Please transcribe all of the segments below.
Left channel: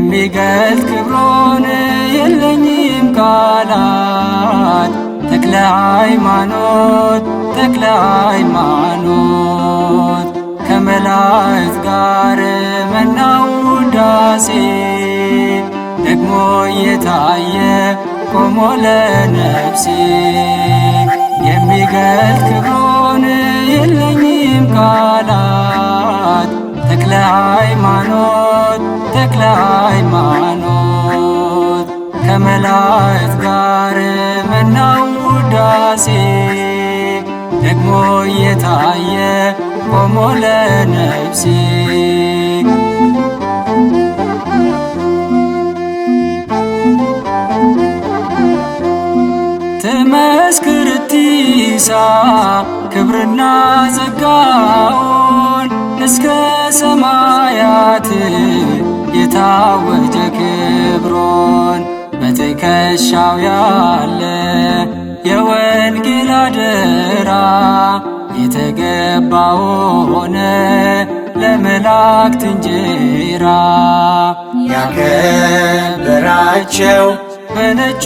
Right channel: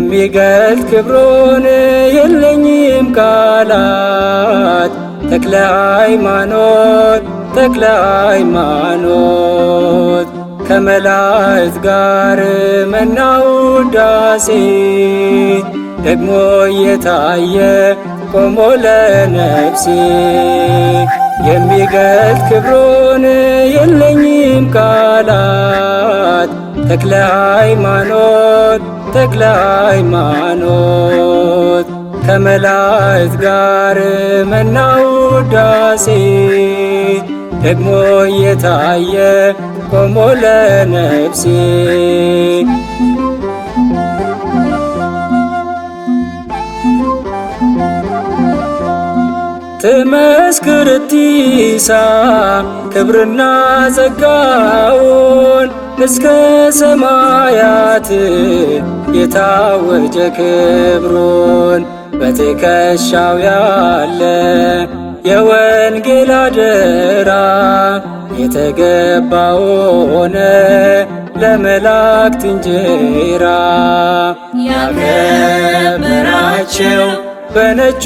የሚገልጥ ክብሮን የለኝም ቃላት። ተክለ ሃይማኖት ተክለ ሃይማኖት ከመላእክት ጋር መናው ውዳሴ ደግሞ እየታየ ቆሞ ለነፍሴ የሚገልጥ ክብሮን የለኝም ቃላት። ተክለ ሃይማኖት ተክለ ሃይማኖት ከመላእክት ጋር መናው ውዳሴ ደግሞ እየታየ ቆሞ ለነፍሴ ትመስክር እቲሳ ክብርና ጸጋውን እስከ ሰማያት የታወጀ ክብሮን በትከሻው ያለ የወንጌል አደራ የተገባ ሆነ ለመላእክት እንጀራ ያከበራቸው በነጩ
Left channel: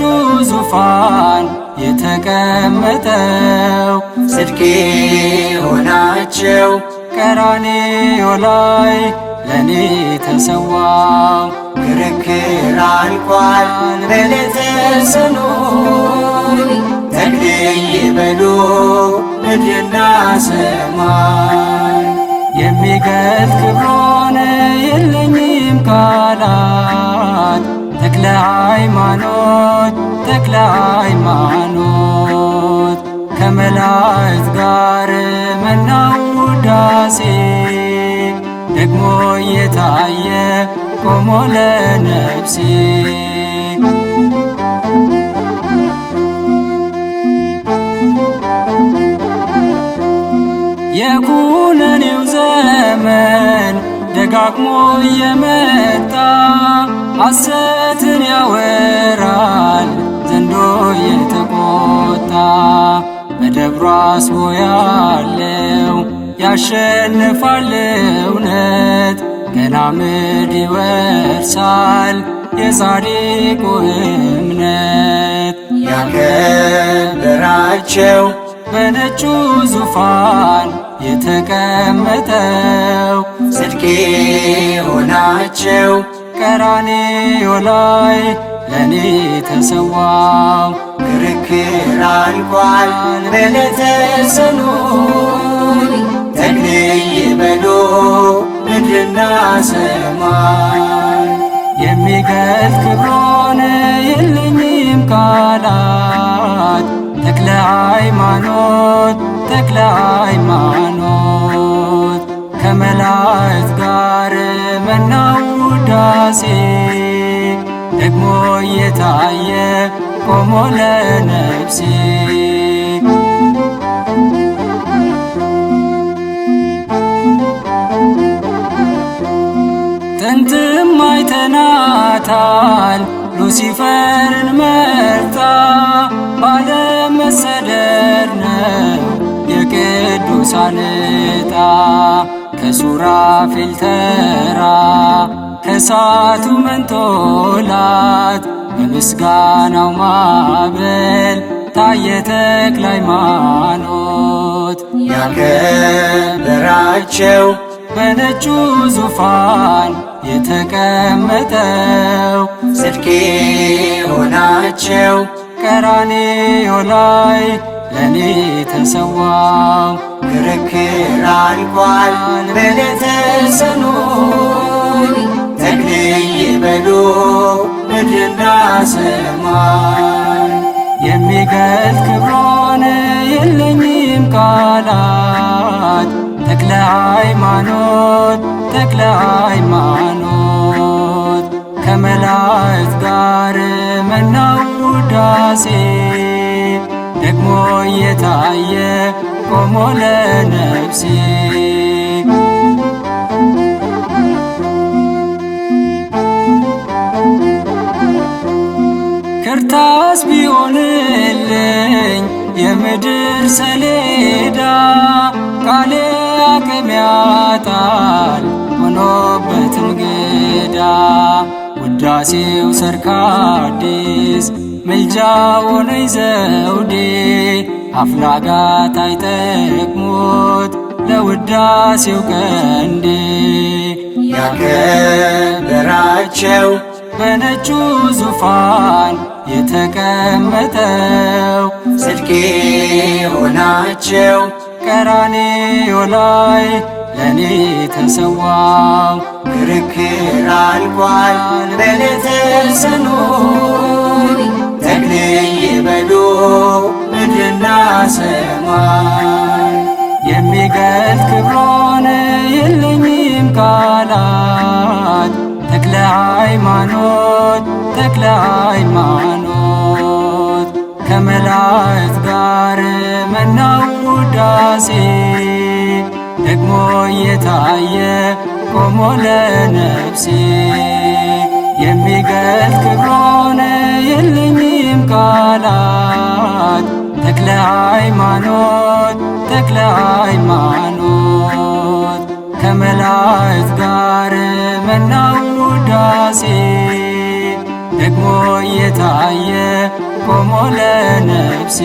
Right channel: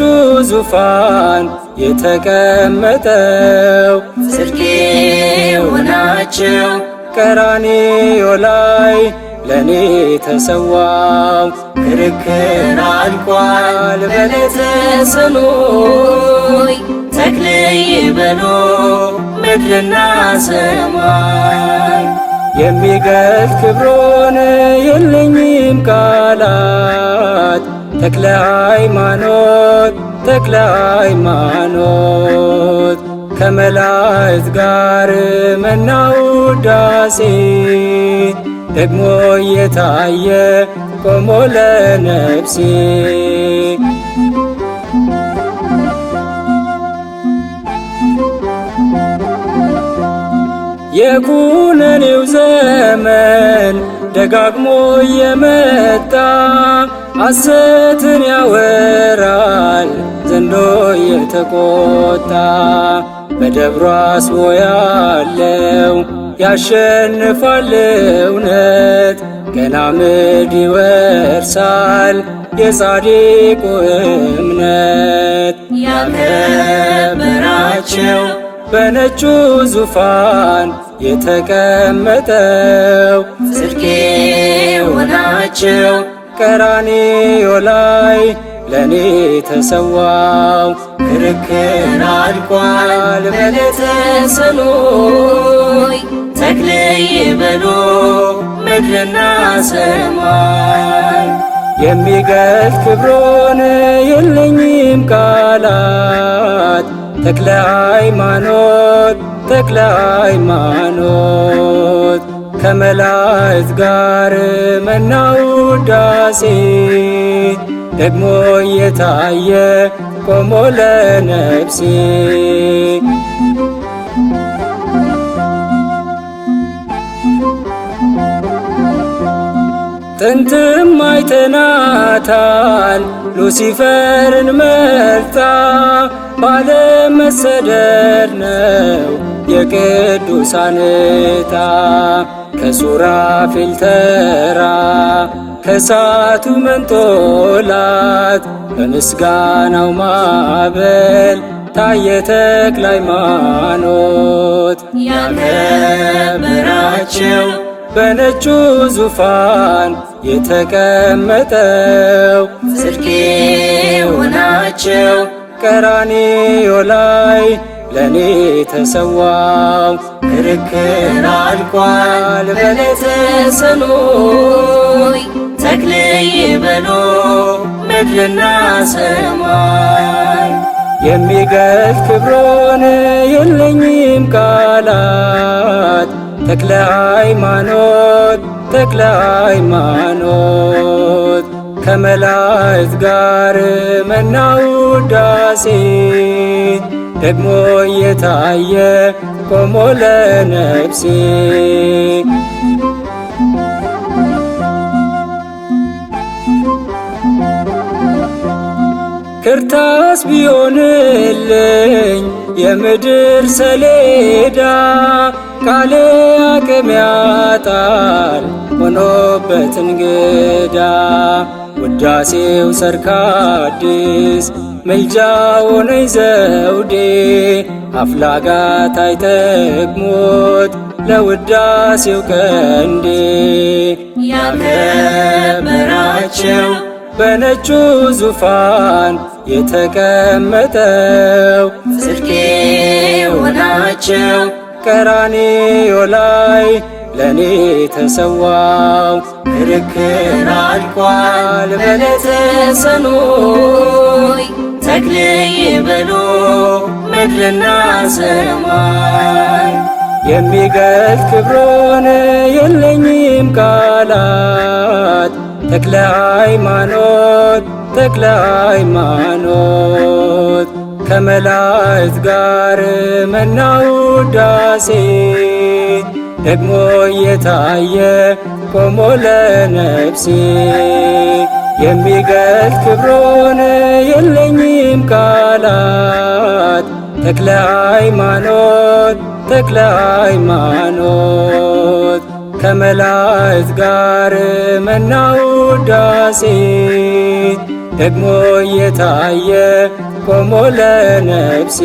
ዙፋን የተቀመጠው ጽድቄ ሆናቸው ቀራንዮ ላይ ለኔ ተሰዋው ክርክር አልቋል በዕለተ ሰኑይ ተክልዬ በሉ ምድርና ሰማይ የሚገልጥ ክብሮን የለኝም ቃላት። ተክለ ሃይማኖት ተክለ ሃይማኖት ከመላእክት ጋር መናው ውዳሴ ደግሞ እየታየ ቆሞ ለነፍሴ የኩነኔው ዘመን ደጋግሞ እየመጣ ሐሰትን ያወራል ዘንዶ የተቆጣ በደብሮ አስቦ ያለው ያሸንፋል እውነት ገና ምድር ይወርሳል የጻድቁ እምነት ያከበራቸው በነጩ ዙፋን የተቀመጠው ጽድቄ ሆናቸው ቀራንዮ ላይ ለኔ ተሰዋው ክርክር አልቋል በዕለተ ሰኑይ ተክልዬ በሉ ምድርና ሰማይ የሚገልጥ ክብሮን የለኝም ቃላት። ተክለ ሃይማኖት ተክለ ሃይማኖት ከመላእክት ጋር መናው ውዳሴ ደግሞ እየታየ ቆሞ ለነፍሴ ጥንትም አይተናታል ሉሲፈርን መርታ ባለመሰደድ ነው የቅዱሳን ዕጣ ከሱራፌል ተራ ከእሳቱ መንጦላት በምስጋናው ማዕበል ታየ ተክለ ሃይማኖት ያከበራቸው በነጩ ዙፋን የተቀመጠው ጽድቄ ሆናቸው ቀራንዮ ላይ ለኔ ተሰዋው ክርክር አልቋል በዕለተ ሰኑይ ተክልዬ በሉ ምድርና ሰማይ የሚገልጥ ክብሮን የለኝም ቃላት። ተክለ ሃይማኖት ተክለ ሃይማኖት ከመላእክት ጋር መናው ውዳሴ ደግሞ እየታየ ቆሞ ለነፍሴ ክርታስ ቢሆንልኝ የምድር ሰሌዳ ቃሌ አቅም ያጣል ሆኖበት እንግዳ ለውዳሴው ሰርክ አዲስ ምልጃ ሆነኝ ዘውዴ አፍላጋት አይጠቅሙት ለውዳሴው ቀንዴ ያከበራቸው በነጩ ዙፋን የተቀመጠው ጽድቄ ሆናቸው ቀራንዮ ላይ ለኔ ተሰዋው ክርክር አልቋል በዕለተ ሰኑይ ተክልዬ በሉ ምድርና ሰማይ የሚገልጥ ክብሮን የለኝም ቃላት ተክለ ሃይማኖት ተክለ ሃይማኖት ከመላእክት ጋር መናው ውዳሴ ደግሞ እየታየ ቆሞ ለነፍሴ የሚገልጥ ክብሮን የለኝም ቃላት ተክለ ሃይማኖት ተክለ ሃይማኖት ከመላእክት ጋር መናው ውዳሴ ደግሞ እየታየ ቆሞ ለነፍሴ